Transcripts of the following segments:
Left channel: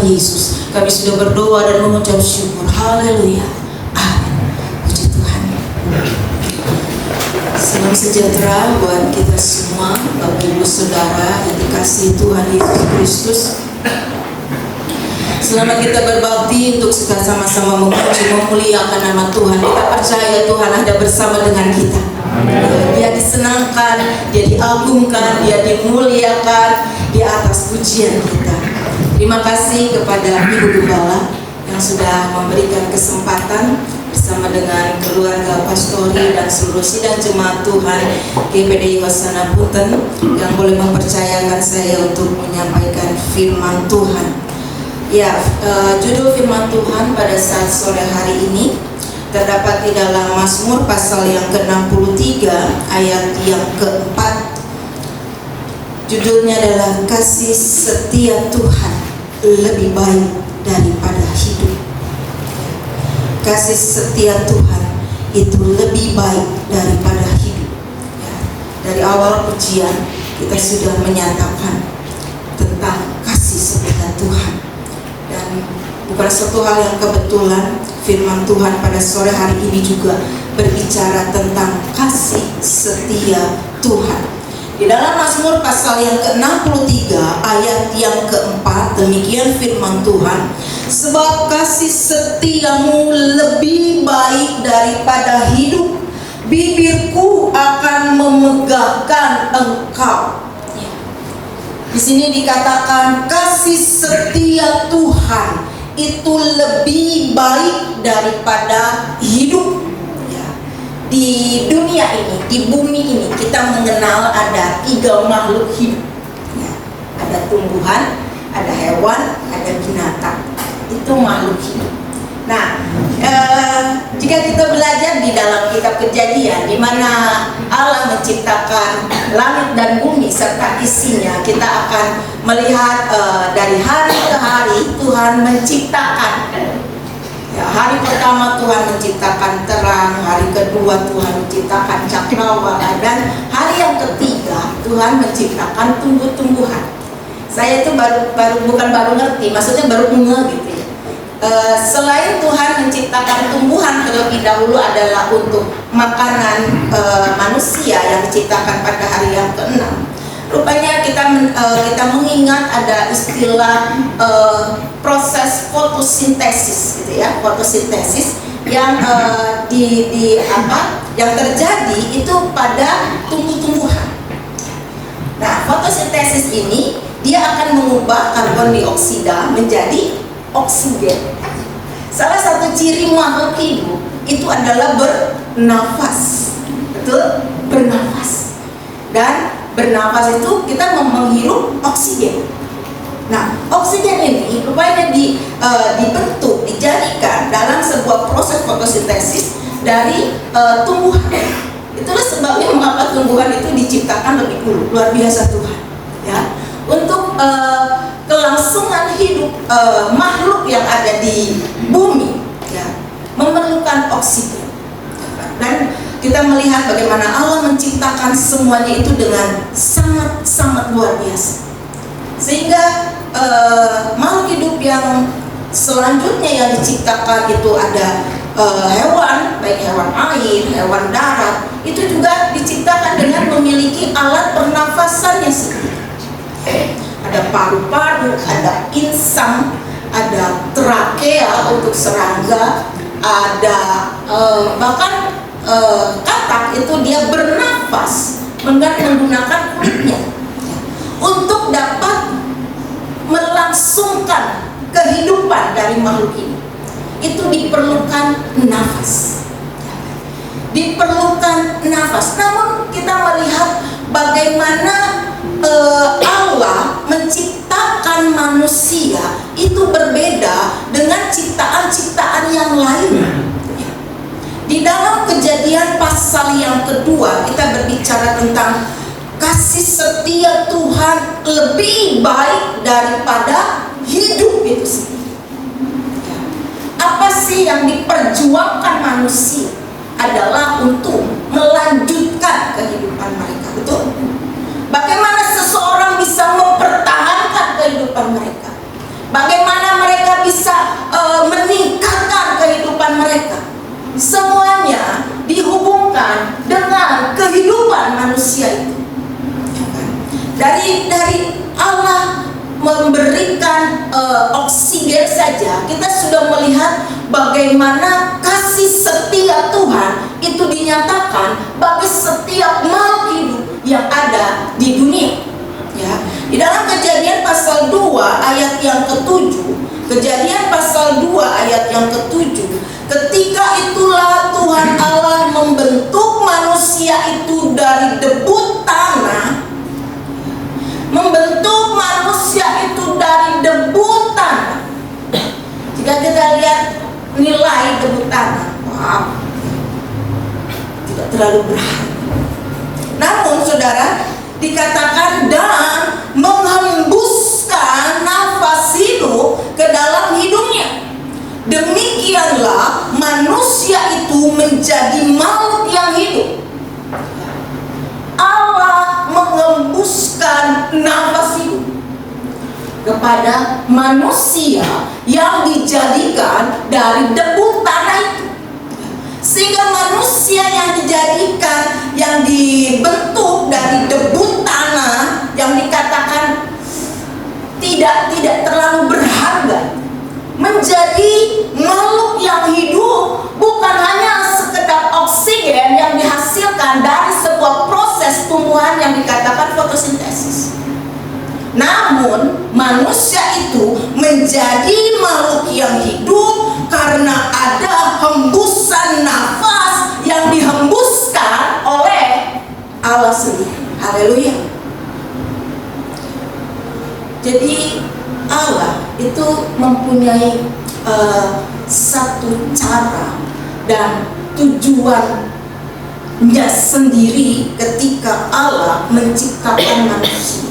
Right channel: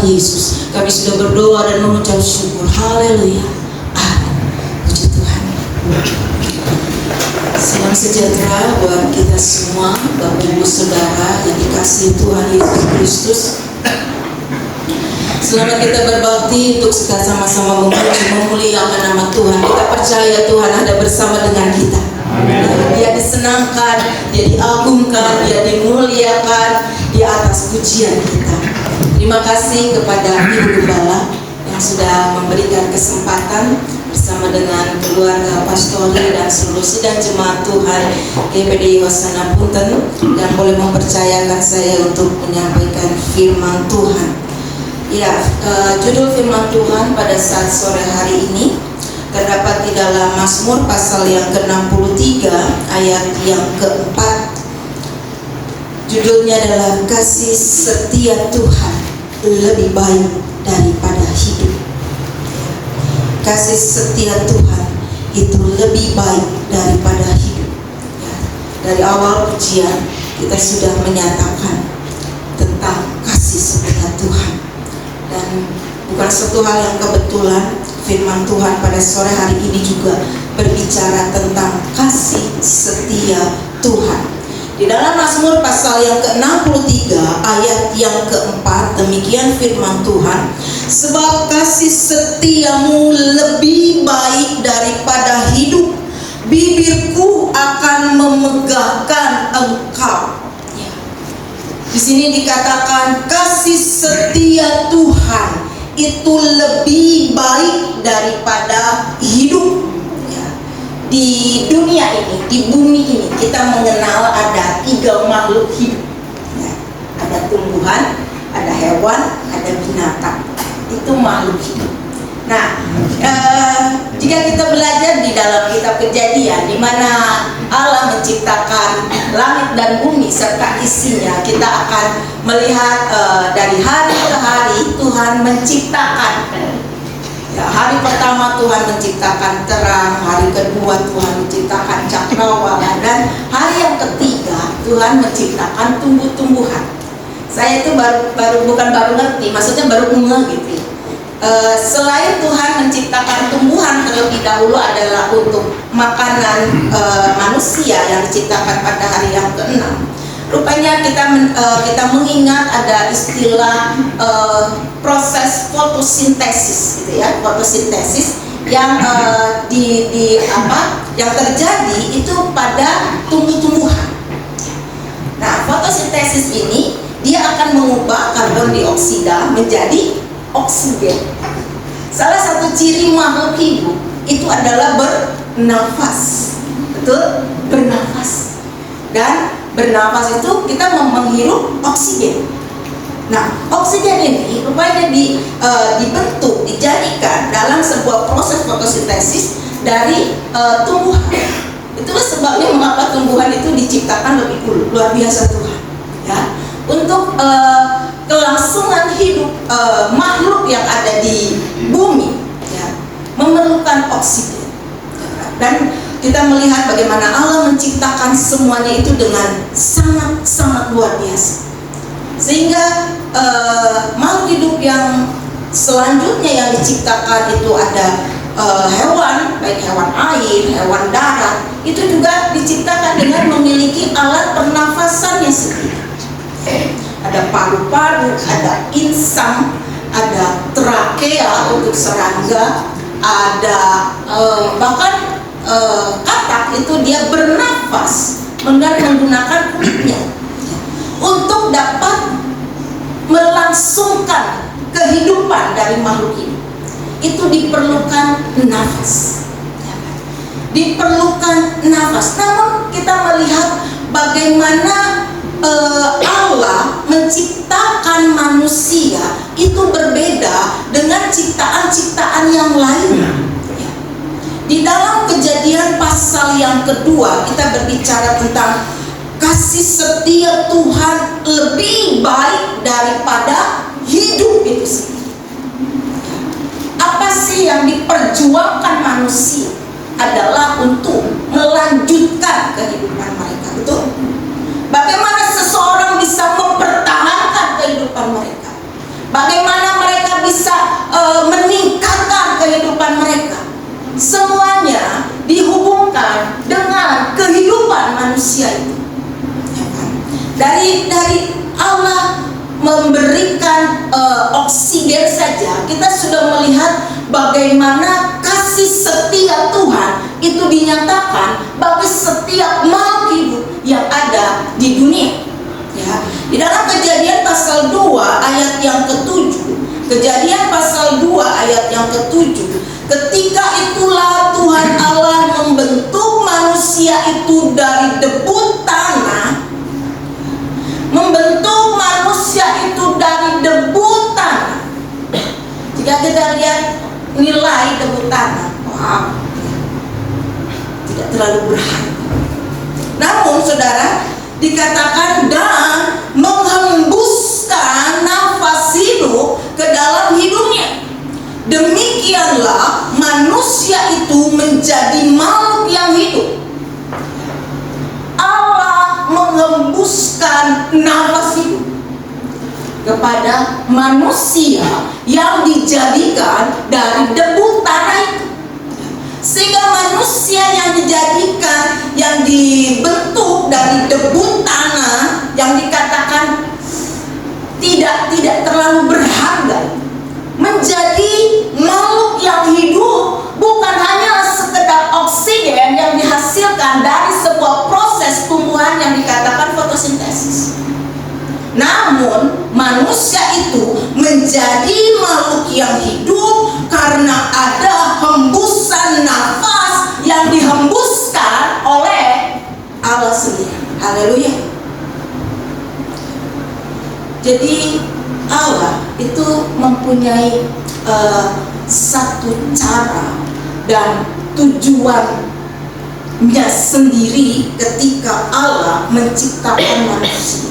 Tuhan Yesus. Kami sudah berdoa dan mengucap syukur. Haleluya. Amin. Puji Tuhan. Salam sejahtera buat kita semua, Bapak Ibu Saudara yang dikasihi Tuhan Yesus Kristus. Selama kita berbakti untuk sama-sama memuji memuliakan nama Tuhan, kita percaya Tuhan ada bersama dengan kita. Dia disenangkan, dia diagungkan, dia dimuliakan di atas pujian kita. Terima kasih kepada Ibu Gembala yang sudah memberikan kesempatan bersama dengan keluarga pastori dan seluruh sidang jemaat Tuhan GPDI Wasana Punten yang boleh mempercayakan saya untuk menyampaikan firman Tuhan. Ya, judul firman Tuhan pada saat sore hari ini terdapat di dalam Mazmur pasal yang ke-63 ayat yang ke-4. Judulnya adalah kasih setia Tuhan lebih baik daripada hidup. Kasih setia Tuhan itu lebih baik daripada hidup. Ya, dari awal pujian kita sudah menyatakan tentang kasih setia Tuhan. Dan bukan satu hal yang kebetulan, firman Tuhan pada sore hari ini juga berbicara tentang kasih setia Tuhan. Di dalam Mazmur pasal yang ke-63 ayat yang ke-4, demikian firman Tuhan, sebab kasih setiamu lebih baik daripada hidup, bibirku akan memegahkan engkau. Di sini dikatakan kasih setia Tuhan itu lebih baik daripada hidup. Ya. Di dunia ini, di bumi ini, kita mengenal ada 3 makhluk hidup. Ya. Ada tumbuhan, ada hewan, ada binatang. Itu makhluk hidup. Nah, jika kita belajar di dalam kitab Kejadian, di mana Allah menciptakan langit dan bumi serta isinya, kita akan melihat dari hari ke hari Tuhan menciptakan. Ya, hari pertama Tuhan menciptakan terang, hari kedua Tuhan menciptakan cakrawala, dan hari yang ketiga Tuhan menciptakan tumbuh-tumbuhan. Saya itu bukan baru ngerti, maksudnya baru gitu ya. Selain Tuhan menciptakan tumbuhan terlebih dahulu adalah untuk makanan manusia yang diciptakan pada hari yang ke-6. Rupanya kita mengingat ada istilah proses fotosintesis, gitu ya, fotosintesis yang yang terjadi itu pada tumbuh-tumbuhan. Nah, fotosintesis ini dia akan mengubah karbon dioksida menjadi oksigen. Salah satu ciri makhluk hidup itu adalah bernafas. Betul? Bernafas. Dan bernafas itu kita menghirup oksigen. Nah, oksigen ini rupanya dibentuk, dijadikan dalam sebuah proses fotosintesis dari tumbuhan. Itulah sebabnya mengapa tumbuhan itu diciptakan lebih dulu. Luar biasa Tuhan. Ya. Untuk kelangsungan hidup makhluk yang ada di bumi, ya, memerlukan oksigen. Dan kita melihat bagaimana Allah menciptakan semuanya itu dengan sangat-sangat luar biasa. Sehingga makhluk hidup yang selanjutnya yang diciptakan itu ada hewan, baik hewan air, hewan darat, itu juga diciptakan dengan memiliki alat pernafasannya sendiri. Ada paru-paru, ada insang, ada trakea untuk serangga, ada bahkan katak itu dia bernafas menggunakan kulitnya untuk dapat melangsungkan kehidupan dari makhluk ini. Itu diperlukan nafas. Diperlukan nafas. Namun kita melihat bagaimana Allah menciptakan manusia itu berbeda dengan ciptaan-ciptaan yang lain. Di dalam Kejadian pasal yang kedua kita berbicara tentang kasih setia Tuhan lebih baik daripada hidup itu sendiri. Apa sih yang diperjuangkan manusia adalah untuk melanjutkan kehidupan mereka, betul? Bagaimana seseorang bisa mempertahankan kehidupan mereka? Bagaimana semuanya dihubungkan dengan kehidupan manusia itu. Ya kan? Dari Allah memberikan oksigen saja, kita sudah melihat bagaimana kasih setia Tuhan itu dinyatakan bagi setiap makhluk hidup yang ada di dunia. Ya, di dalam Kejadian pasal 2 ayat yang ke-7, Kejadian pasal 2 ayat yang ke-7, ketika itulah Tuhan Allah membentuk manusia itu dari debu tanah, membentuk manusia itu dari debu tanah. Jika kita lihat nilai debu tanah, wow, tidak terlalu berharga. Namun saudara, dikatakan dan menghembuskan nafas hidup ke dalam hidungnya. Demikianlah manusia itu menjadi makhluk yang hidup. Allah menghembuskan nafas hidup kepada manusia yang dijadikan dari debu tanah itu. Sehingga manusia yang dijadikan, yang dibentuk dari debu tanah, yang dikatakan tidak terlalu berharga, menjadi makhluk yang hidup, bukan hanya sekedar oksigen yang dihasilkan dari sebuah proses tumbuhan yang dikatakan fotosintesis. Namun manusia itu menjadi makhluk yang hidup karena ada hembusan nafas yang dihembuskan oleh Allah sendiri. Haleluya. Jadi Allah itu mempunyai satu cara dan tujuannya sendiri ketika Allah menciptakan manusia.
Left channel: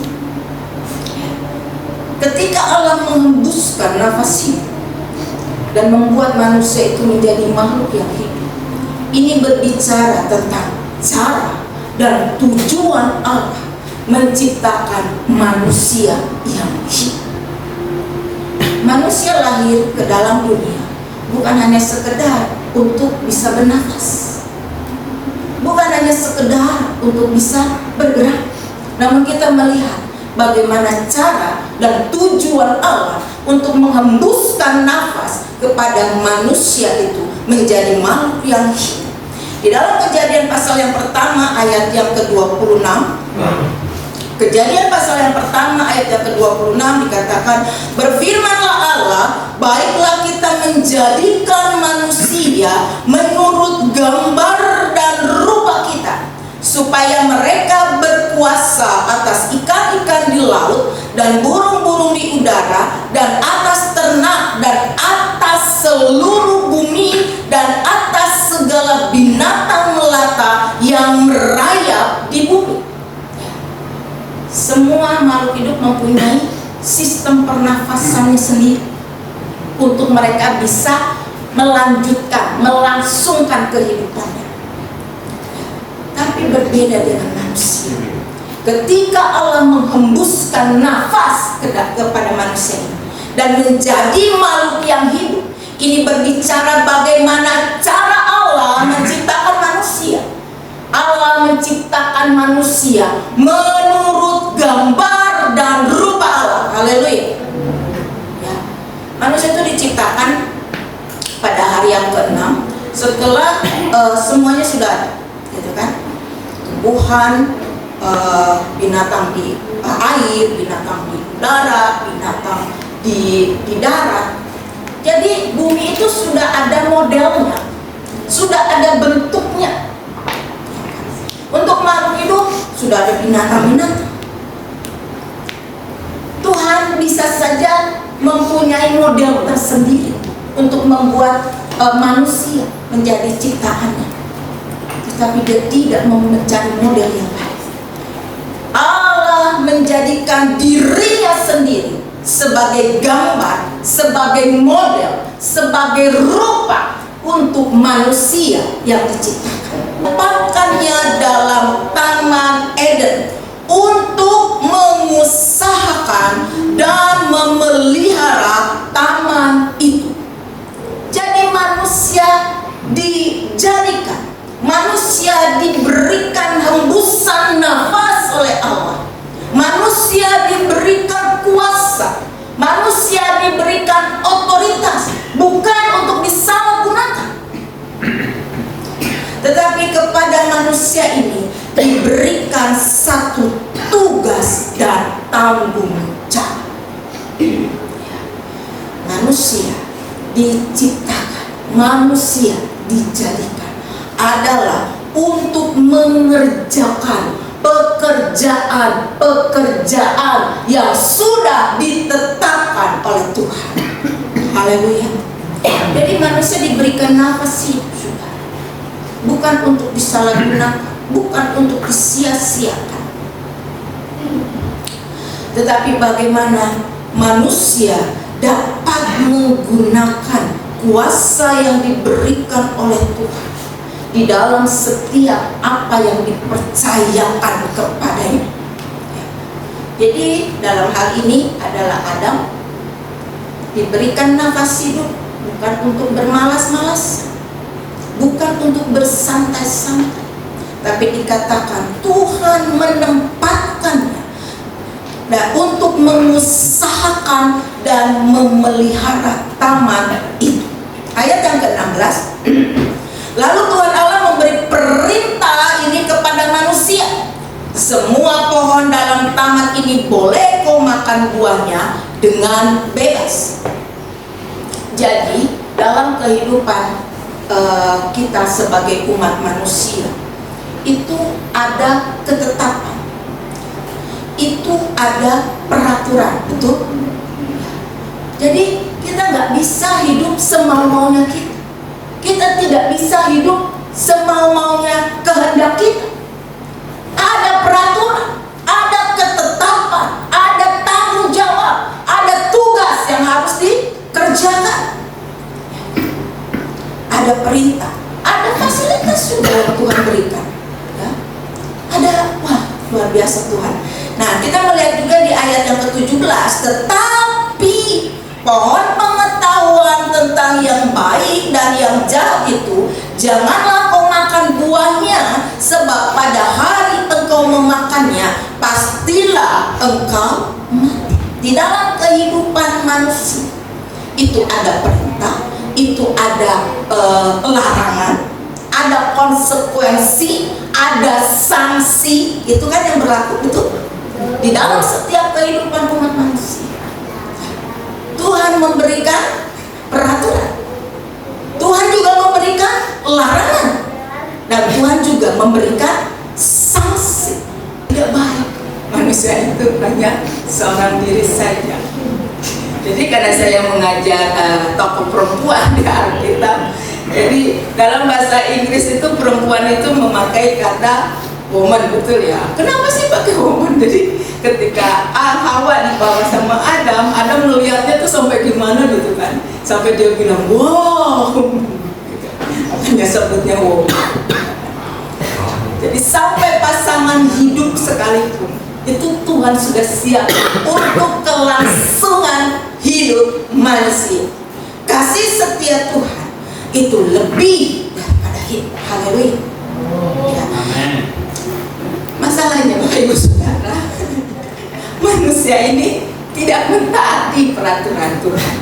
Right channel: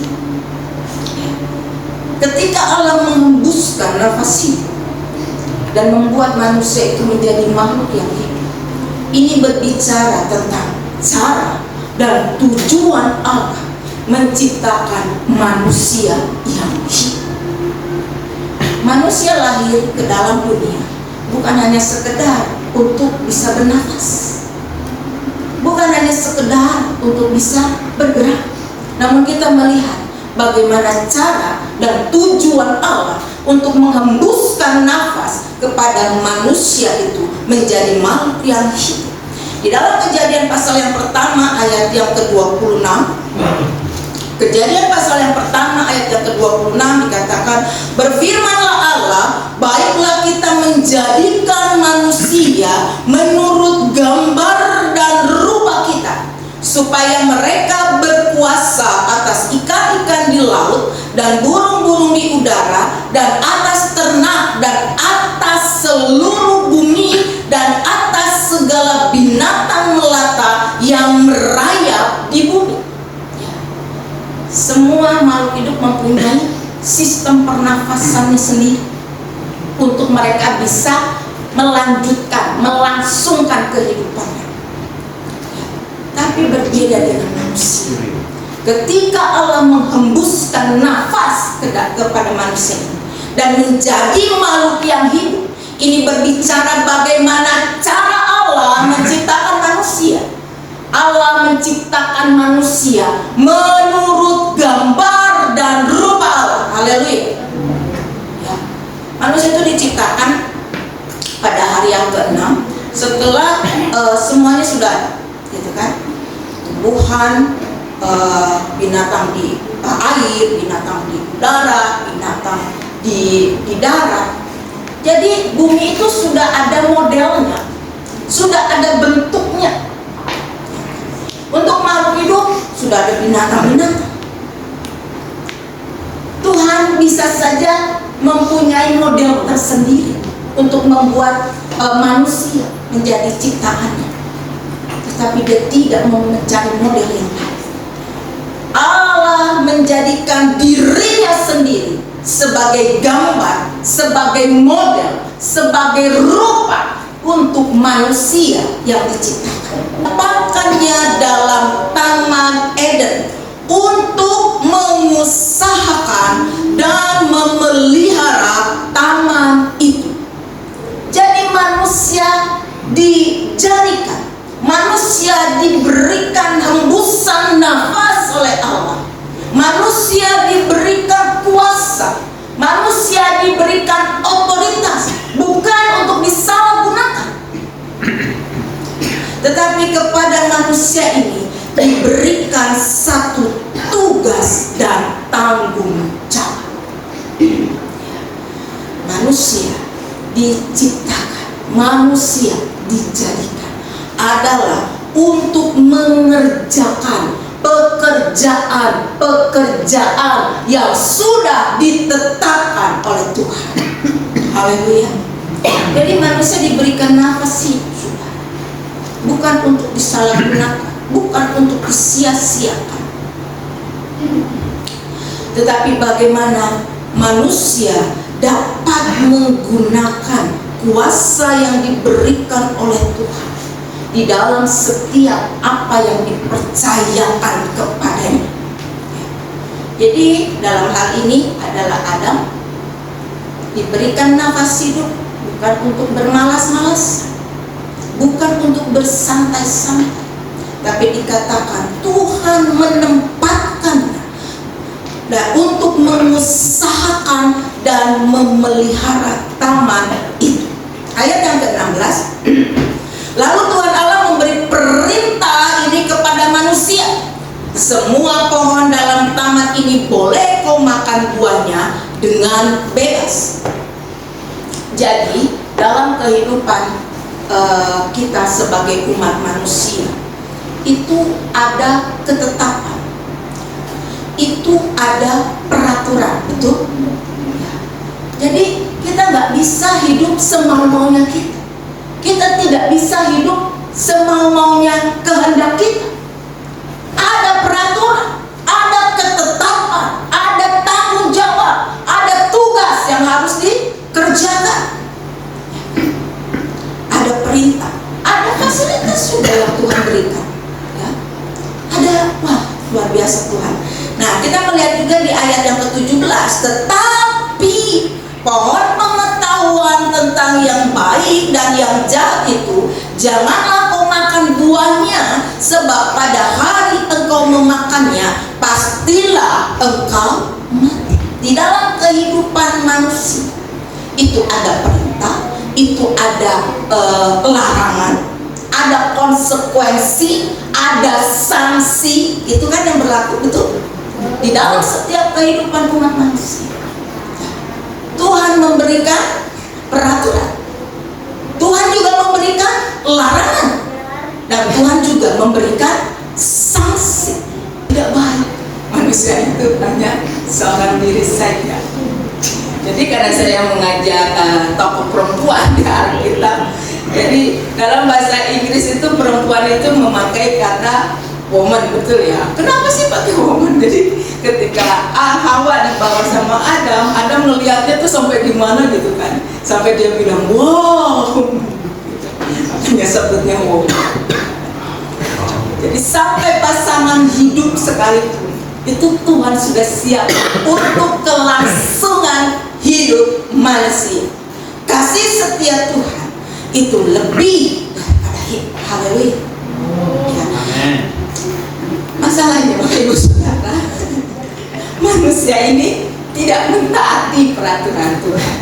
Ketika Allah menghembuskan nafas hidup dan membuat manusia itu menjadi makhluk yang hidup, ini berbicara tentang cara dan tujuan Allah menciptakan manusia yang hidup. Manusia lahir ke dalam dunia bukan hanya sekedar untuk bisa bernafas, bukan hanya sekedar untuk bisa bergerak, namun kita melihat bagaimana cara dan tujuan Allah untuk menghembuskan nafas kepada manusia itu menjadi makhluk yang hidup. Di dalam Kejadian pasal yang pertama ayat yang ke-26, Kejadian pasal yang pertama ayat yang ke-26 dikatakan, berfirmanlah Allah, baiklah kita menjadikan manusia menurut gambar dan rupa kita, supaya mereka berkuasa atas ikan-ikan di laut dan burung-burung di udara dan atas ternak dan atas seluruh bumi dan atas segala binatang melata yang merayap di bumi. Semua makhluk hidup mempunyai sistem pernafasannya sendiri untuk mereka bisa melanjutkan, melangsungkan kehidupannya. Tapi berbeda dengan manusia. Ketika Allah menghembuskan nafas kepada manusia dan menjadi makhluk yang hidup, ini berbicara bagaimana cara Allah menciptakan manusia. Allah menciptakan manusia menurut gambar dan rupa Allah. Haleluya. Ya. Manusia itu diciptakan pada hari yang ke-6 setelah semuanya sudah ada, gitu kan? Tumbuhan, binatang di air, binatang di udara, binatang di darat. Jadi bumi itu sudah ada modelnya, sudah ada bentuknya. Untuk makhluk hidup sudah ada binatang-binatang. Tuhan bisa saja mempunyai model tersendiri untuk membuat manusia menjadi ciptaannya, tetapi Dia tidak mau mencari model yang lain. Allah menjadikan dirinya sendiri sebagai gambar, sebagai model, sebagai rupa untuk manusia yang diciptakan. Tempatkannya dalam Taman Eden untuk mengusahakan dan memelihara taman itu. Jadi manusia manusia diciptakan, manusia dijadikan adalah untuk mengerjakan pekerjaan yang sudah ditetapkan oleh Tuhan. Haleluya. Jadi manusia diberikan nafas hidup, saudara, bukan untuk disalahgunakan, bukan untuk disia-siakan, tetapi bagaimana manusia dapat menggunakan kuasa yang diberikan oleh Tuhan di dalam setiap apa yang dipercayakan kepadanya. Jadi dalam hal ini adalah Adam diberikan nafas hidup bukan untuk bermalas-malas, bukan untuk bersantai-santai, tapi dikatakan Tuhan menempatkannya untuk mengusahakan dan memelihara taman itu. Ayat yang ke-16, lalu Tuhan Allah memberi perintah ini kepada manusia, semua pohon dalam taman ini boleh kau makan buahnya dengan bebas. Jadi dalam kehidupan kita sebagai umat manusia itu ada ketetapan, itu ada peraturan, betul? Jadi kita nggak bisa hidup semau-maunya kita. Kita tidak bisa hidup semau-maunya kehendak kita. Ada peraturan, ada ketetapan, ada tanggung jawab, ada tugas yang harus dikerjakan. Ada perintah, ada fasilitas juga yang Tuhan berikan. Ya. Ada, wah luar biasa Tuhan. Nah kita melihat juga di ayat yang ke-17, tetapi pohon pengetahuan tentang yang baik dan yang jahat itu janganlah kau makan buahnya, sebab pada hari engkau memakannya pastilah engkau mati. Di dalam kehidupan manusia itu ada perintah, itu ada larangan, ada konsekuensi, ada sanksi. Itu kan yang berlaku, betul? Di dalam setiap kehidupan umat manusia Tuhan memberikan peraturan, Tuhan juga memberikan larangan, dan Tuhan juga memberikan sanksi. Tidak baik manusia itu hanya seorang diri saja. Jadi karena saya mengajar tokoh perempuan di Alkitab, jadi dalam bahasa Inggris itu perempuan itu memakai kata woman, betul ya? Kenapa sih pakai woman? Jadi ketika Hawa dibawa sama Adam, Adam melihatnya tuh sampai gimana gitu kan, sampai dia bilang wow, gitu. Makanya sebutnya woman. Jadi sampai pasangan hidup sekalipun itu Tuhan sudah siap untuk kelangsungan hidup manusia. Kasih setia Tuhan itu lebih daripada hidup. Haleluya. Ya. Masalahnya Bapak Ibu Saudara, manusia ini tidak mentaati peraturan Tuhan.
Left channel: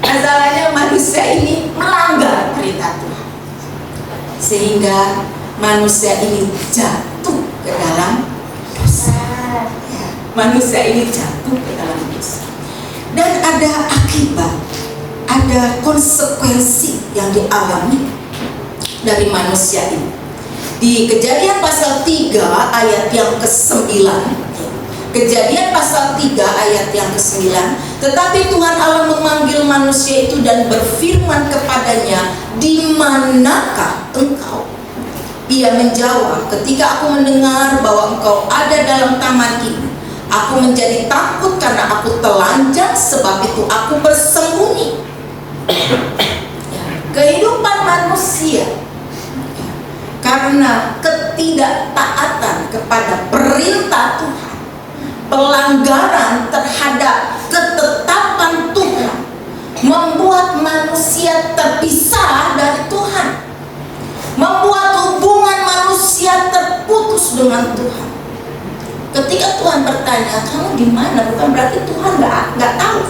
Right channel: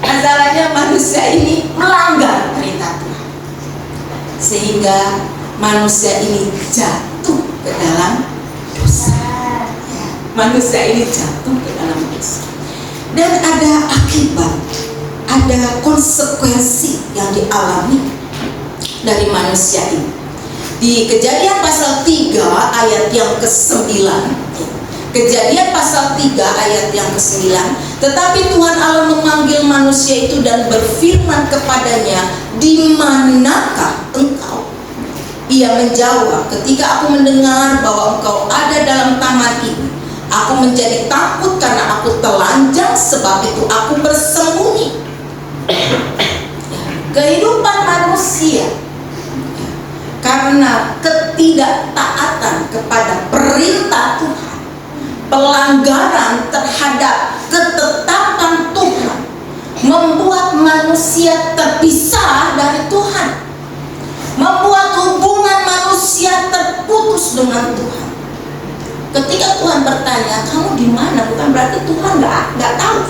Masalahnya manusia ini melanggar perintah Tuhan, sehingga manusia ini jatuh ke dalam dosa. Manusia ini jatuh ke dalam dosa, dan ada akibat, ada konsekuensi yang dialami dari manusia ini. Di Kejadian pasal 3 ayat yang ke-9, Kejadian pasal 3 ayat yang ke-9, tetapi Tuhan Allah memanggil manusia itu dan berfirman kepadanya, di manakah engkau? Ia menjawab, ketika aku mendengar bahwa engkau ada dalam taman ini, aku menjadi takut karena aku telanjang, sebab itu aku bersembunyi. Kehidupan manusia karena ketidaktaatan kepada perintah Tuhan, pelanggaran terhadap ketetapan Tuhan, membuat manusia terpisah dari Tuhan, membuat hubungan manusia terputus dengan Tuhan. Ketika Tuhan bertanya, kamu di mana? Bukan berarti Tuhan nggak tahu.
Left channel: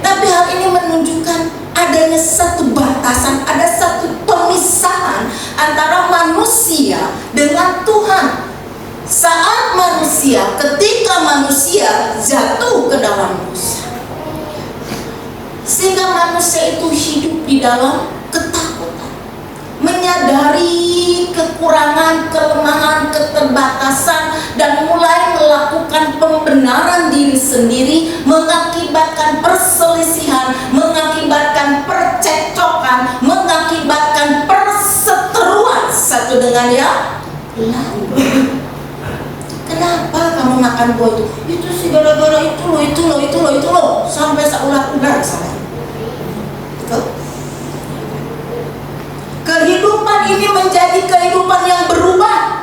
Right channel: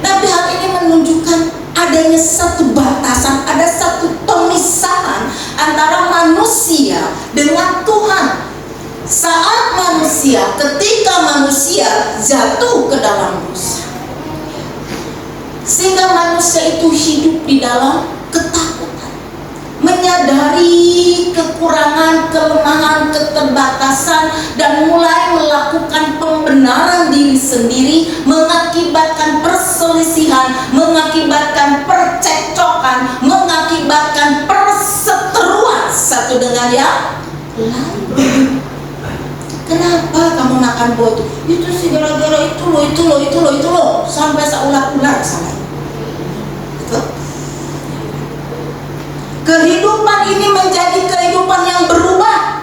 Tapi hal ini menunjukkan adanya satu batasan, ada satu pemisahan antara manusia dengan Tuhan. Saat manusia, ketika manusia jatuh ke dalam dosa, hidup di dalam ketakutan, menyadari kekurangan, kelemahan, keterbatasan, dan mulai melakukan pembenaran diri sendiri, mengakibatkan perselisihan, mengakibatkan percekcokan, mengakibatkan perseteruan satu dengan yang lain. Kenapa kamu makan buah itu? Itu sih gara-gara itu loh, sampai seulah-ulah sana. Betul? Kehidupan ini menjadi kehidupan yang berubah.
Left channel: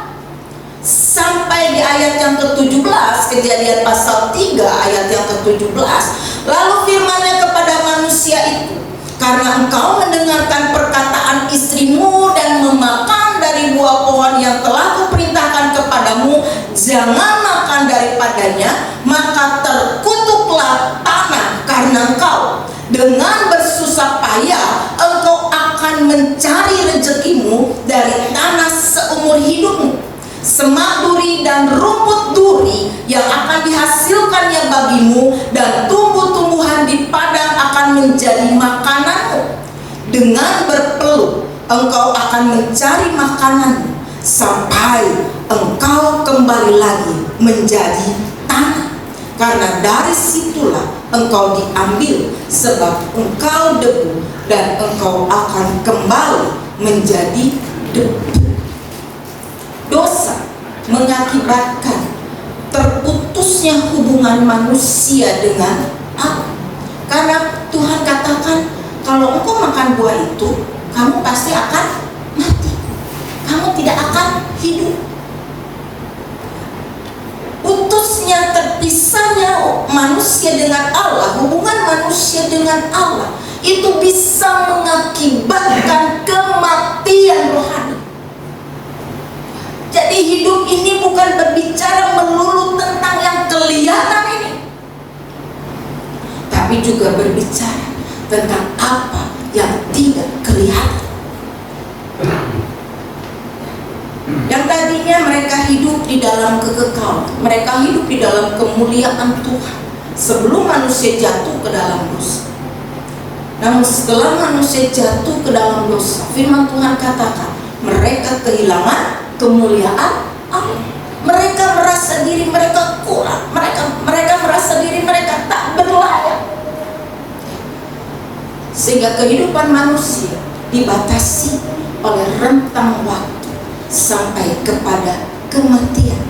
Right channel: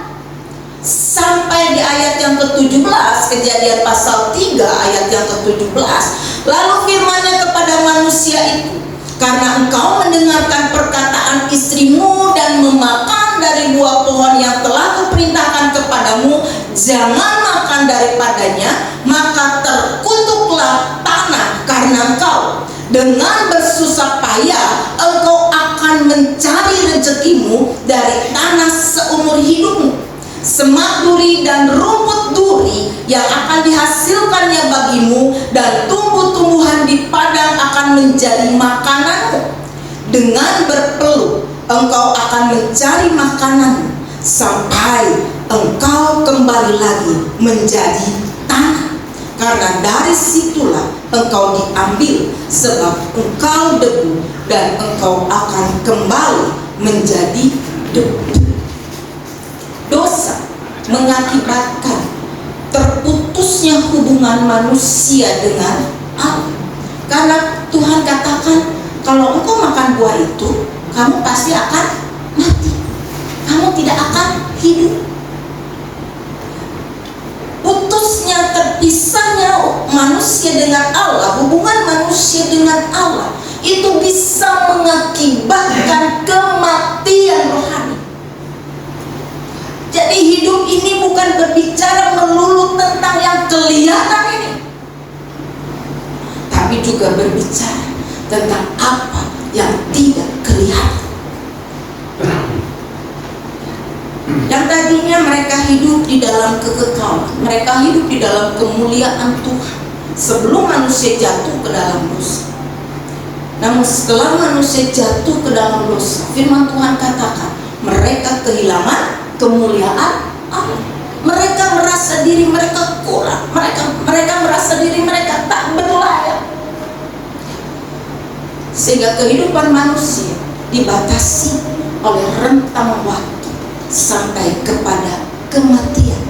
Sampai di ayat yang ke-17, Kejadian pasal 3 ayat yang ke-17. Lalu firman-Nya kepada manusia itu, karena engkau mendengarkan perkataan istrimu dan memakan dari buah pohon yang telah kuperintahkan kepadamu, jangan makan daripadanya, maka terkutuklah tanah karena engkau. Dengan bersusah payah engkau akan mencari rezekimu dari tanah seumur hidupmu. Semak duri dan rumput duri yang akan dihasilkannya bagimu, dan tumbuh-tumbuhan di padang akan menjadi makananmu. Dengan berpeluh engkau akan mencari makananmu sampai engkau kembali lagi menjadi tanah, karena dari situlah engkau diambil, sebab engkau debu dan engkau akan kembali menjadi debu. Dosa mengakibatkan terputusnya hubungan manusia dengan Allah. Karena Tuhan katakan, kalau engkau makan buah itu, kamu pasti akan mati, kamu tidak akan hidup. Putusnya, terpisahnya manusia dengan Allah, hubungan manusia dengan Allah, itu bisa mengakibatkan kematian rohani. Jadi hidup ini bukan berbicara melulu tentang yang kelihatan ini, tapi juga berbicara tentang apa yang tidak kelihatan. Yang tadinya mereka hidup di dalam kekekalan, mereka hidup di dalam kemuliaan Tuhan sebelum manusia jatuh ke dalam dosa. Namun setelah manusia jatuh ke dalam dosa, firman Tuhan katakan mereka kehilangan kemuliaan Allah. Mereka merasa diri mereka kurang, mereka merasa diri mereka tak berlayak, sehingga kehidupan manusia dibatasi oleh rentang waktu sampai kepada kematian.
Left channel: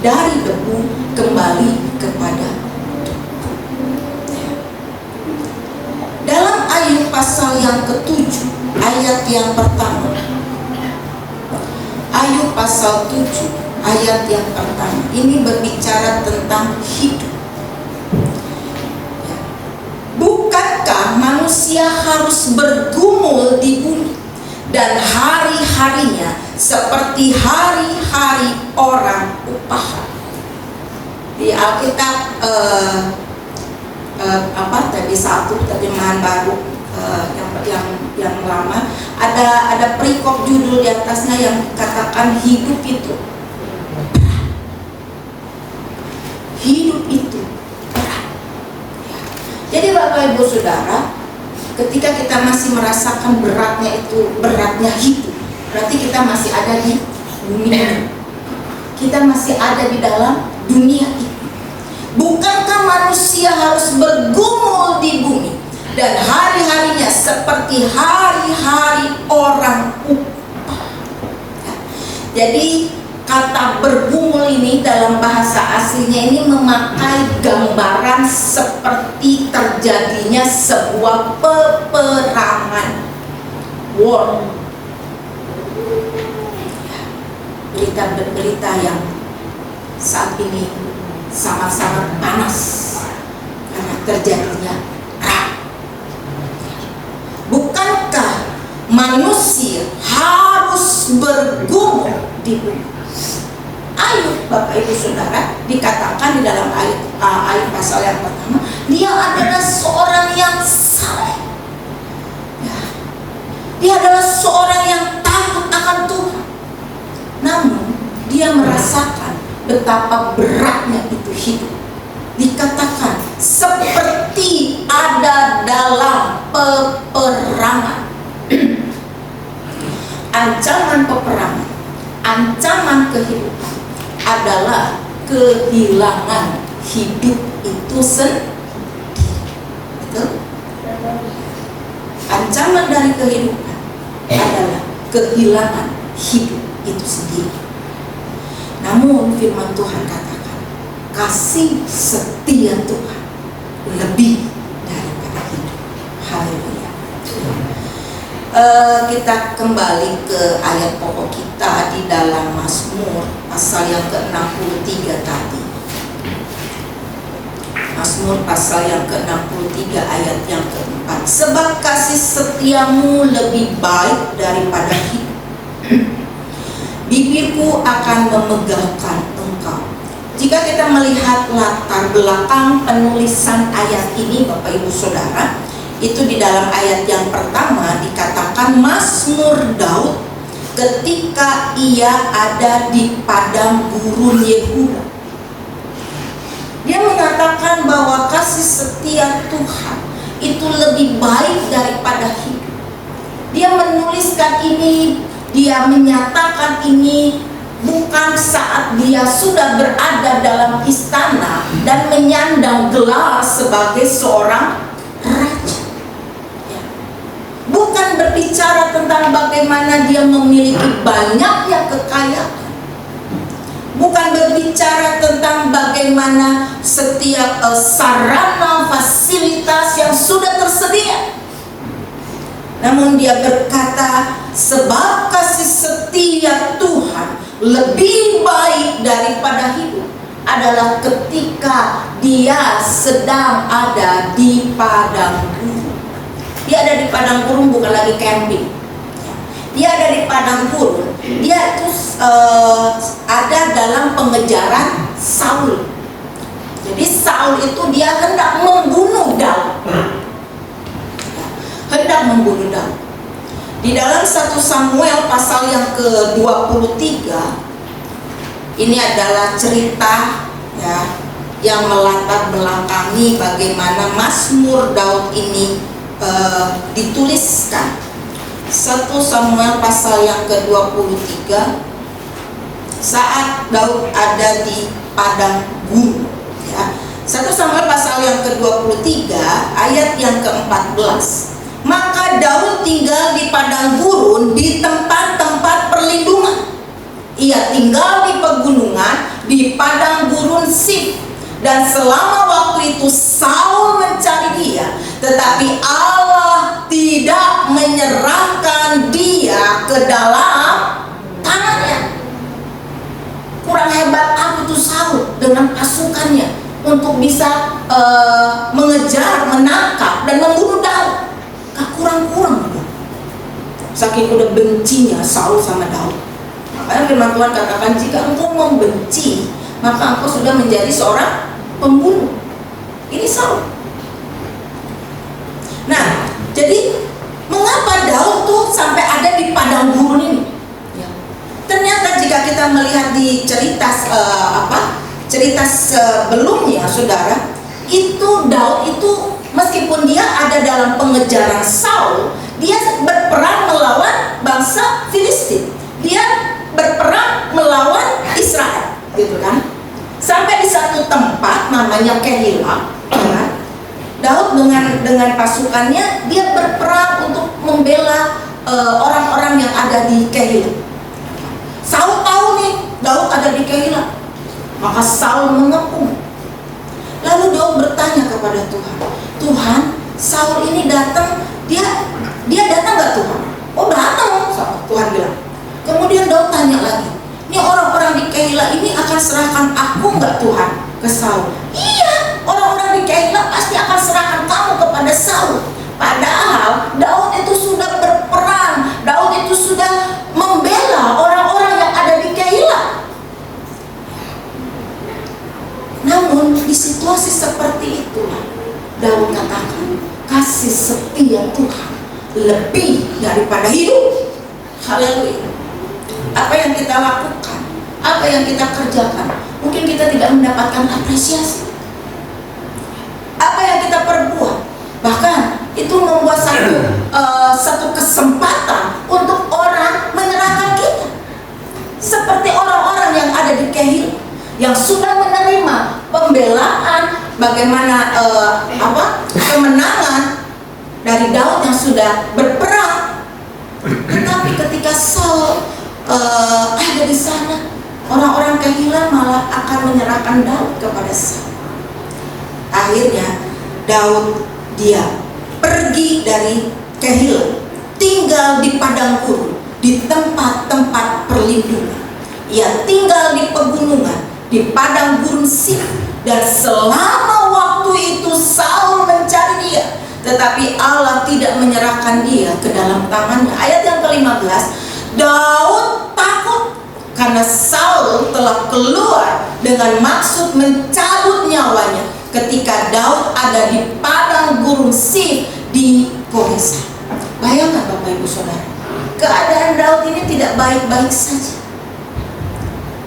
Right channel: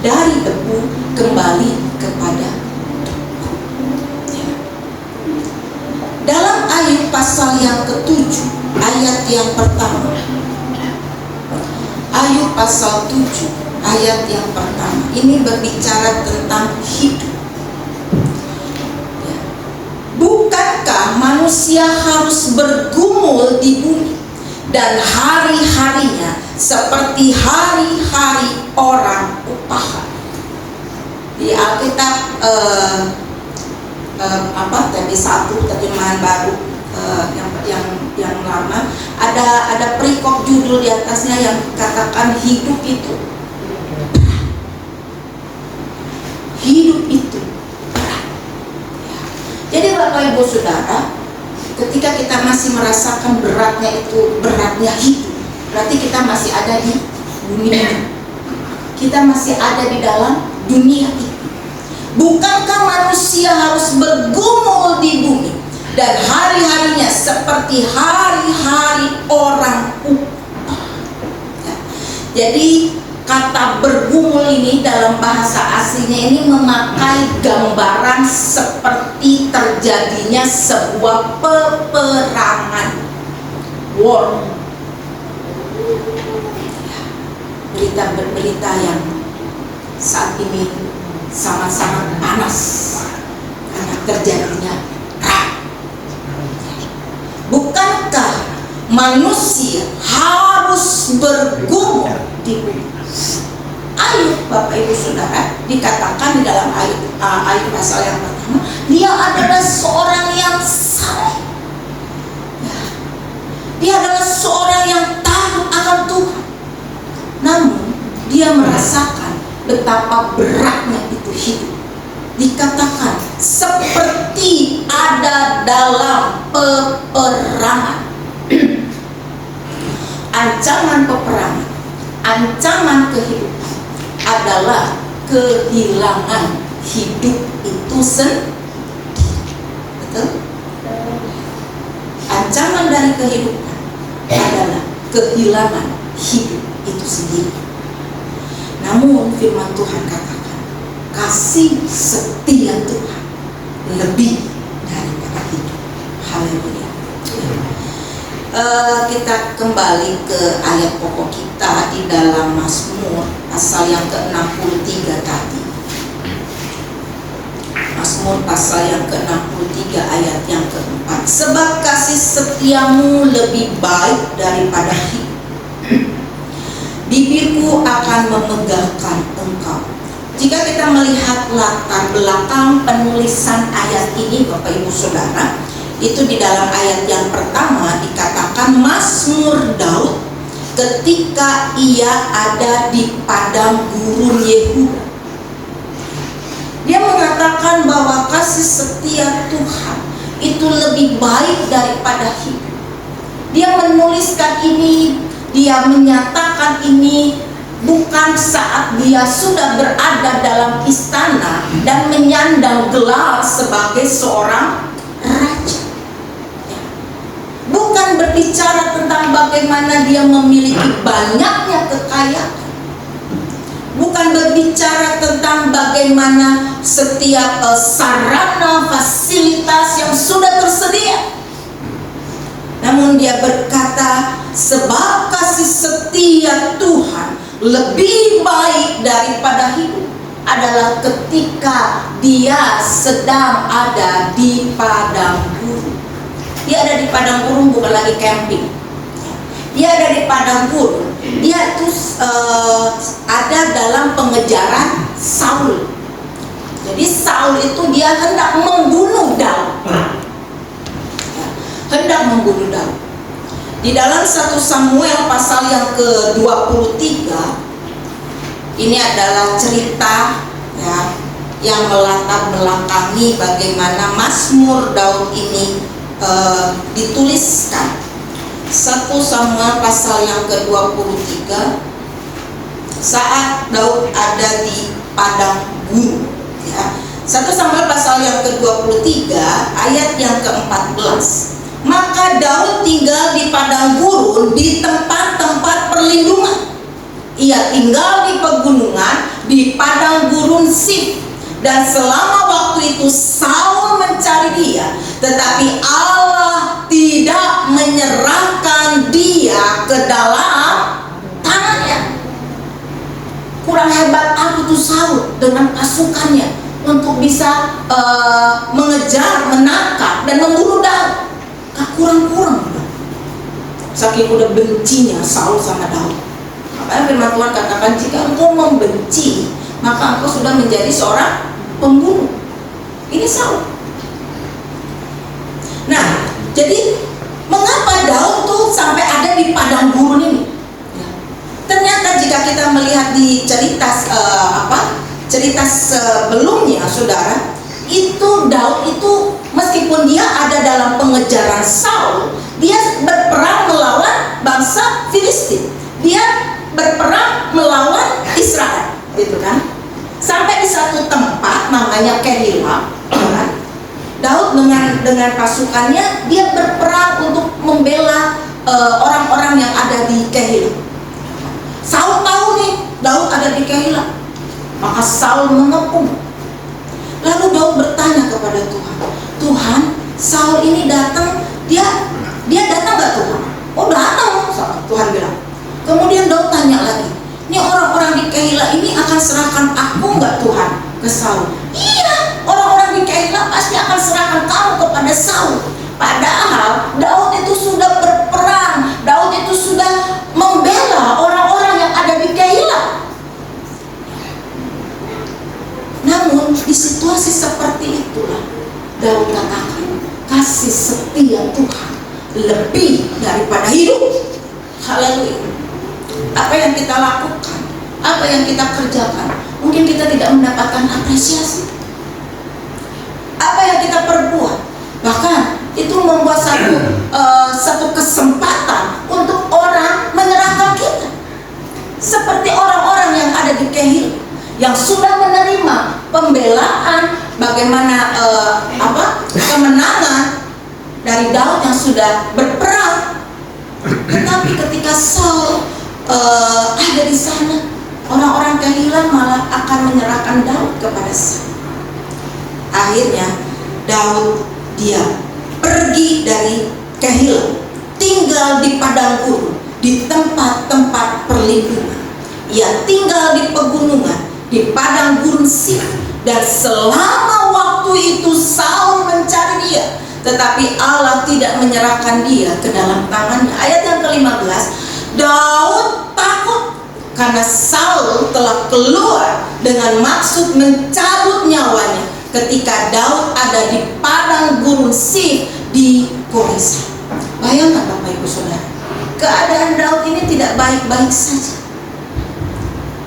Dari debu kembali kepada debu. Dalam Ayub pasal yang ke-7 ayat yang pertama, Ayub pasal 7 ayat yang pertama ini berbicara tentang hidup. Bukankah manusia harus bergumul di bumi, dan hari-harinya seperti hari-hari orang upahan? Di Alkitab satu terjemahan baru, yang lama ada perikop judul di atasnya yang katakan hidup itu berat. Jadi Bapak Ibu Saudara, ketika kita masih merasakan beratnya hidup, berarti kita masih ada di bumi ini, kita masih ada di dalam dunia ini. Bukankah manusia harus bergumul di bumi, dan hari-harinya seperti hari-hari orang upah? Jadi kata bergumul ini dalam bahasa aslinya ini memakai gambaran seperti terjadinya sebuah peperangan, war. Berita-berita yang saat ini sangat-sangat panas karena terjadinya perang. Bukankah manusia harus bergumul di bumi? Ayub, Bapak Ibu Saudara, dikatakan di dalam Ayub pasal yang pertama, dia adalah seorang yang saleh. Dia adalah seorang yang takut akan Tuhan. Namun dia merasakan betapa beratnya itu hidup. Dikatakan seperti ada dalam peperangan. kehidupan adalah kehilangan hidup itu sendiri. Betul? Ancaman dari kehidupan adalah kehilangan hidup itu sendiri. Namun firman Tuhan katakan, kasih setia Tuhan lebih daripada hidup. Haleluya. Kita kembali ke ayat pokok kita di dalam Mazmur pasal yang ke-63 tadi. Mazmur pasal yang ke-63 ayat yang ke-4. Sebab kasih setiamu lebih baik daripada hidup, bibirku akan memegahkan engkau. Jika kita melihat latar belakang penulisan ayat ini, Bapak Ibu Saudara, itu di dalam ayat yang pertama dikatakan Mazmur Daud ketika ia ada di padang gurun Yehuda. Dia mengatakan bahwa kasih setia Tuhan itu lebih baik daripada hidup. Dia menuliskan ini, dia menyatakan ini bukan saat dia sudah berada dalam istana dan menyandang gelar sebagai seorang raja. Bukan berbicara tentang bagaimana dia memiliki banyaknya kekayaan. Bukan berbicara tentang bagaimana setiap sarana fasilitas yang sudah tersedia. Namun dia berkata, sebab kasih setia Tuhan lebih baik daripada hidup adalah ketika dia sedang ada di padang gurun. Dia ada di padang gurun, bukan lagi camping. Dia ada di padang gurun. Dia terus ada dalam pengejaran Saul. Jadi Saul itu dia hendak membunuh Daud. Hendak membunuh Daud. Di dalam 1 Samuel pasal yang ke-23, ini adalah cerita ya yang melatar belakangi bagaimana Mazmur Daud ini dituliskan. 1 Samuel pasal yang ke-23, saat Daud ada di padang gurun ya. 1 Samuel pasal yang ke-23 ayat yang ke-14. Maka Daud tinggal di padang gurun di tempat-tempat perlindungan. Ia tinggal di pegunungan di padang gurun Sif. Dan selama waktu itu Saul mencari dia, tetapi Allah tidak menyerahkan dia ke dalam tangannya. Kurang hebat apa tuh Saul dengan pasukannya untuk bisa mengejar, menangkap dan membunuh Daud. Kurang-kurang, saking udah bencinya Saul sama Daud. Makanya firman Tuhan katakan, jika engkau membenci, maka engkau sudah menjadi seorang pembunuh. Ini Saul. Nah, jadi mengapa Daud tuh sampai ada di padang gurun ini? Ya. Ternyata jika kita melihat di cerita cerita sebelumnya, saudara, itu Daud itu meskipun dia ada dalam pengejaran Saul, dia berperang melawan bangsa Filistin. Dia berperang melawan Israel, gitu kan? Sampai di satu tempat namanya Kehila, kan? Daud dengan pasukannya dia berperang untuk membela orang-orang yang ada di Kehila. Saul tahu nih Daud ada di Kehila, maka Saul mengepung. Lalu Daud bertanya kepada Tuhan, Tuhan, Saul ini datang, dia datang nggak Tuhan? Oh datang, Tuhan bilang. Kemudian Daud tanya lagi, ini orang-orang di Kehila ini akan serahkan aku nggak Tuhan ke Saul? Iya, orang-orang di Kehila pasti akan serahkan kamu kepada Saul. Padahal Daud itu sudah berperang, Daud itu sudah membela orang-orang yang ada di Kehila. Namun di situasi seperti itulah Daud katakan, kasih setia Tuhan lebih daripada hidup. Haleluya. Apa yang kita lakukan, apa yang kita kerjakan, mungkin kita tidak mendapatkan apresiasi. Apa yang kita perbuat, bahkan itu membuat satu kesempatan untuk orang menyerahkan kita. Seperti orang-orang yang sudah menerima pembelaan, bagaimana kemenangan dari Daud yang sudah berperang. Tetapi ketika Saul ada di sana, orang-orang Kehilah malah akan menyerahkan Daud kepada Saul. Akhirnya Daud dia pergi dari Kehilah, tinggal di padang gurun, di tempat-tempat perlindungan. Ia tinggal di pegunungan, di padang gurun Sif, dan selama waktu itu Saul mencari dia, tetapi Allah tidak menyerahkan dia ke dalam tangannya. Ayat yang ke-15, Daud takut karena Saul telah keluar dengan maksud mencabut nyawanya ketika Daud ada di padang gurun Sif di Koresa. Bayangkan Bapak Ibu Saudara, keadaan Daud ini tidak baik-baik saja,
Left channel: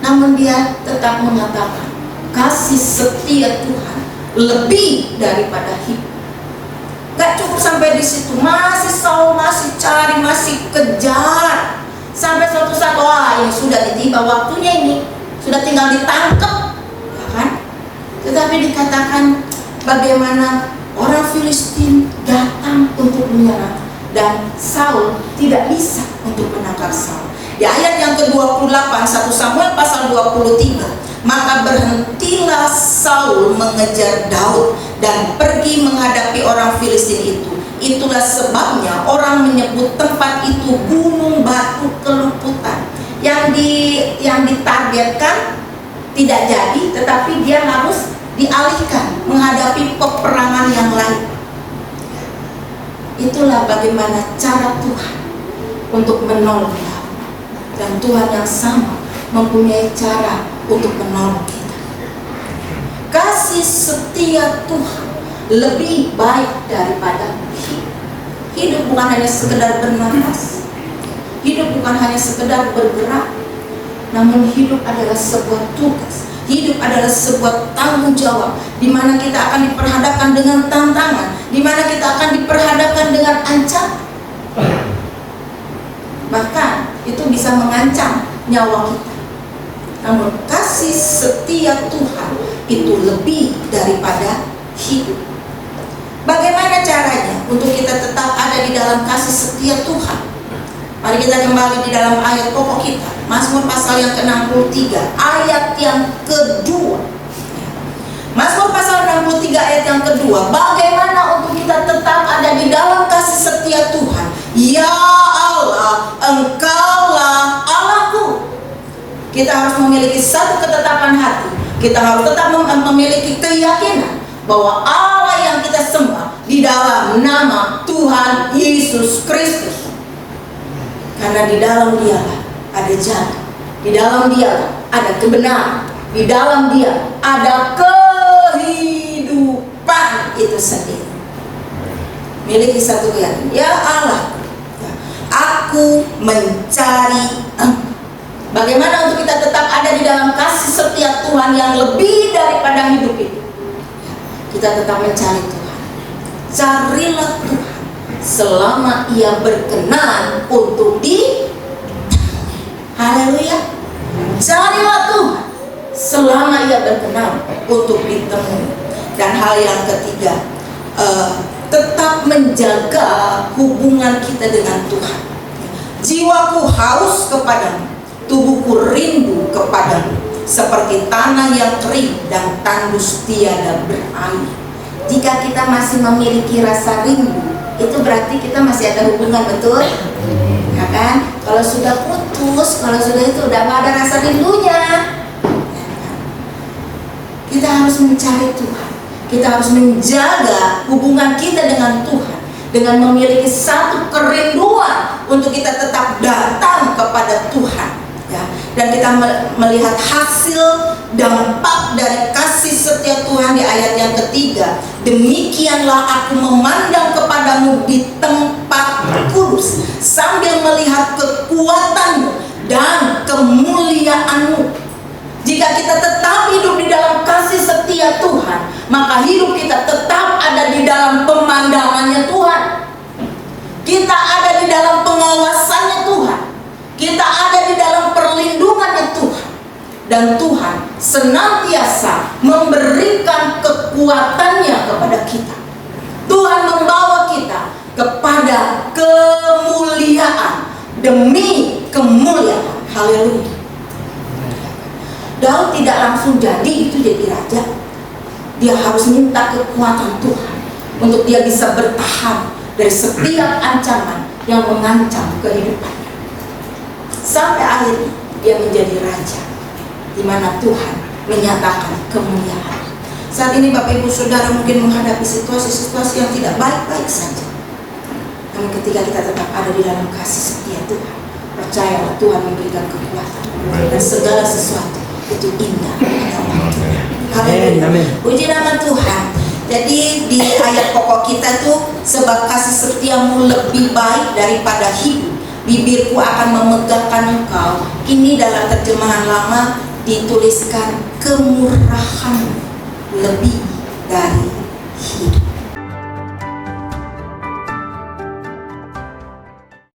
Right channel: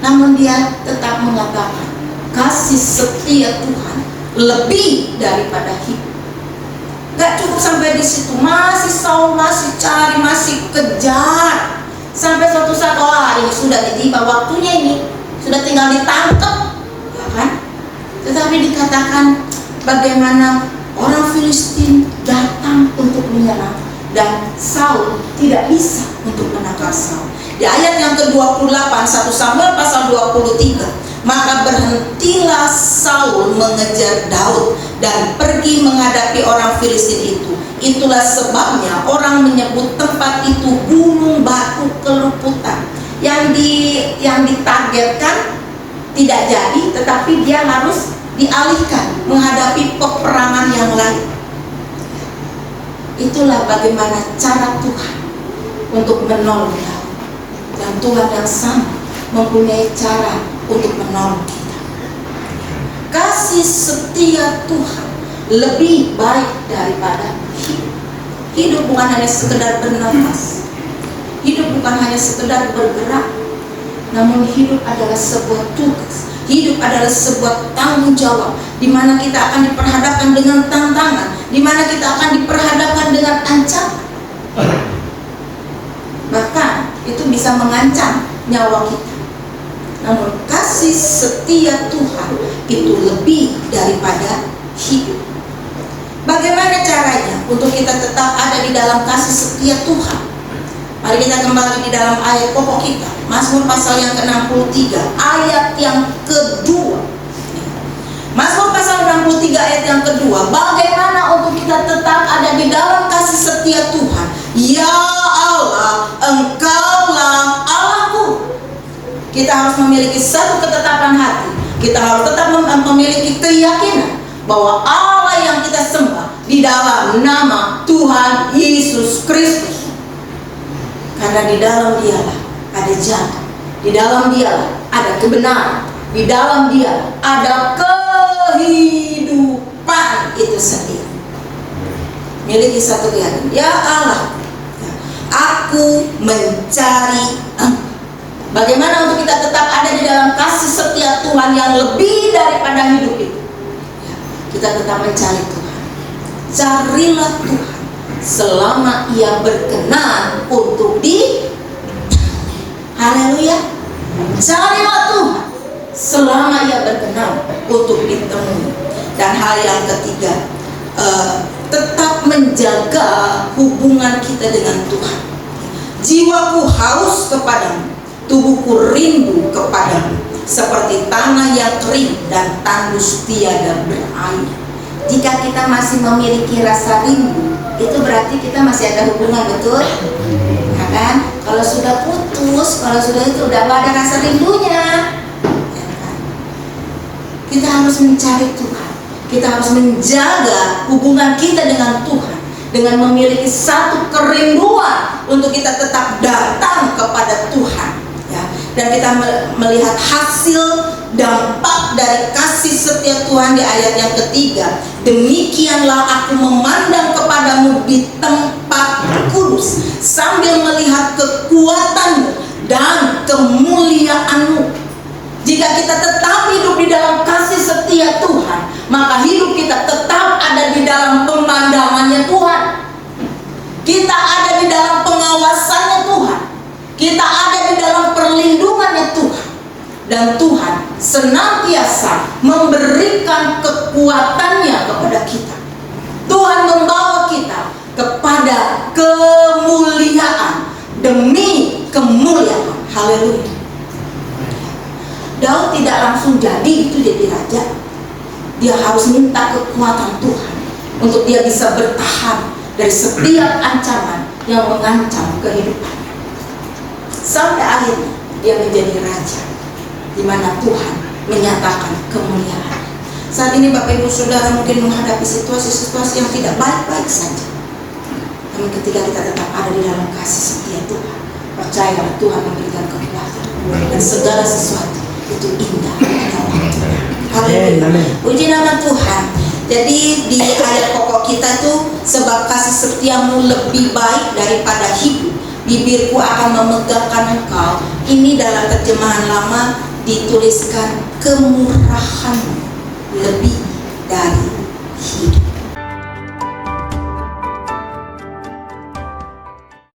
namun dia tetap mengatakan kasih setia Tuhan lebih daripada hidup. Gak cukup sampai di situ, masih Saul masih cari, masih kejar, sampai suatu saat, wah ini sudah tiba waktunya, ini sudah tinggal ditangkap, ya kan? Tetapi dikatakan bagaimana orang Filistin datang untuk menyerang, dan Saul tidak bisa untuk menangkap Saul. Di ayat yang ke-28 1 Samuel pasal 23, maka berhentilah Saul mengejar Daud dan pergi menghadapi orang Filistin itu. Itulah sebabnya orang menyebut tempat itu Gunung Batu Keluputan. Yang ditargetkan tidak jadi, tetapi dia harus dialihkan menghadapi peperangan yang lain. Itulah bagaimana cara Tuhan untuk menolong Daud. Dan Tuhan yang sama mempunyai cara untuk menolong kita. Kasih setia Tuhan lebih baik daripada hidup. Hidup bukan hanya sekedar bernafas, hidup bukan hanya sekedar bergerak, namun hidup adalah sebuah tugas. Hidup adalah sebuah tanggung jawab, di mana kita akan diperhadapkan dengan tantangan, di mana kita akan diperhadapkan dengan ancaman. Bahkan itu bisa mengancam nyawa kita. Namun kasih setia Tuhan itu lebih daripada hidup. Bagaimana caranya untuk kita tetap ada di dalam kasih setia Tuhan? Mari kita kembali di dalam ayat pokok kita, Mazmur pasal yang ke-63 ayat yang kedua. Mazmur pasal 63 ayat yang kedua, bagaimana untuk kita tetap ada di dalam kasih setia Tuhan? Ya Allah, Engkaulah Allahku. Kita harus memiliki satu ketetapan hati. Kita harus tetap memiliki keyakinan bahwa Allah yang kita sembah di dalam nama Tuhan Yesus Kristus. Karena di dalam Dialah ada jalan, di dalam Dialah ada kebenaran, di dalam Dia ada kehidupan itu sendiri. Miliki satu keyakinan, ya Allah, aku mencari Engkau. Bagaimana untuk kita tetap ada di dalam kasih setia Tuhan yang lebih daripada hidup itu? Kita tetap mencari Tuhan. Carilah Tuhan selama Ia berkenan untuk haleluya. Carilah Tuhan selama Ia berkenan untuk ditemui. Dan hal yang ketiga, tetap menjaga hubungan kita dengan Tuhan. Jiwaku haus kepadamu, tubuhku rindu kepadamu, seperti tanah yang kering dan tandus tiada berair. Jika kita masih memiliki rasa rindu, itu berarti kita masih ada hubungan, betul? Nah kan? Kalau sudah putus, kalau sudah itu udah gak ada rasa rindunya. Kita harus mencari Tuhan. Kita harus menjaga hubungan kita dengan Tuhan dengan memiliki satu kerinduan untuk kita tetap datang kepada Tuhan. Ya, dan kita melihat hasil dampak dari kasih setia Tuhan di ayat yang ketiga. Demikianlah aku memandang kepadamu di tempat kudus, sambil melihat kekuatanmu dan kemuliaanmu. Jika kita tetap hidup di dalam kasih setia Tuhan, maka hidup kita tetap ada di dalam pemandangannya Tuhan. Kita ada di dalam pengawasannya Tuhan. Kita ada di dalam perlindungannya Tuhan. Dan Tuhan senantiasa memberikan kekuatannya kepada kita. Tuhan membawa kita kepada kemuliaan demi kemuliaan. Haleluya. Daud tidak langsung jadi raja. Dia harus minta kekuatan Tuhan untuk dia bisa bertahan dari setiap ancaman yang mengancam kehidupannya. Sampai akhirnya dia menjadi raja, di mana Tuhan menyatakan kemuliaan. Saat ini Bapak Ibu Saudara mungkin menghadapi situasi-situasi yang tidak baik-baik saja. Namun ketika kita tetap ada di dalam kasih setia Tuhan, percayalah Tuhan memberikan kekuatan dan segala sesuatu itu indah di dalam Tuhan. Haleluya. Puji nama Tuhan. Jadi di ayat pokok kita itu, sebab kasih setiamu lebih baik daripada hidup, bibirku akan memegahkan engkau. Ini dalam terjemahan lama dituliskan kemurahanmu lebih dari